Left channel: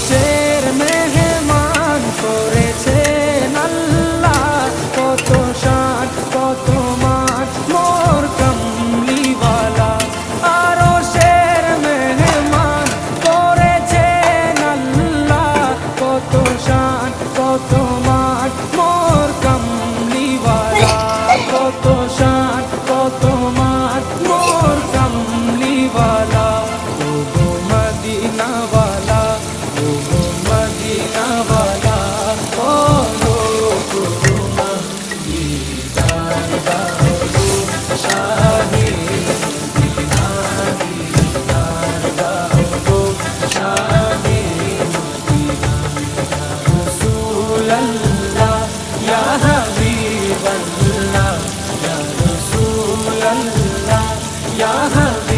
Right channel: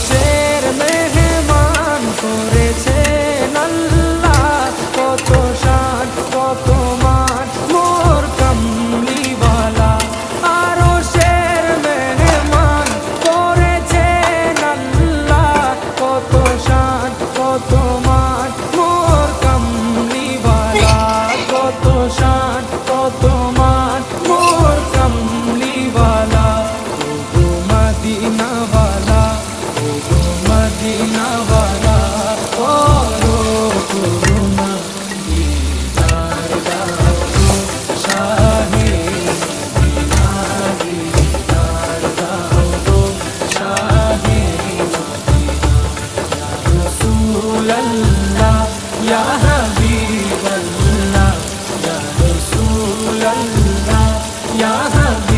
আরশের মেহমান করেছেন আল্লাহ, কত শান কত মান মোর কামলিওয়ালা। আরশের মেহমান করেছেন আল্লাহ, কত শান কত মান মোর কামলিওয়ালা, কত শান কত মান মোর কামলিওয়ালা। ও গো মদিনাওয়ালা, ও গো মদিনাওয়ালা, করো করুণা দিদার দাও গো শাহে মদিনা, দিদার দাও গো শাহে মদিনা। ইয়া রাসূলাল্লাহ ইয়া হাবিবাল্লাহ, ইয়া রাসূলাল্লাহ ইয়া হাবিবাল্লাহ।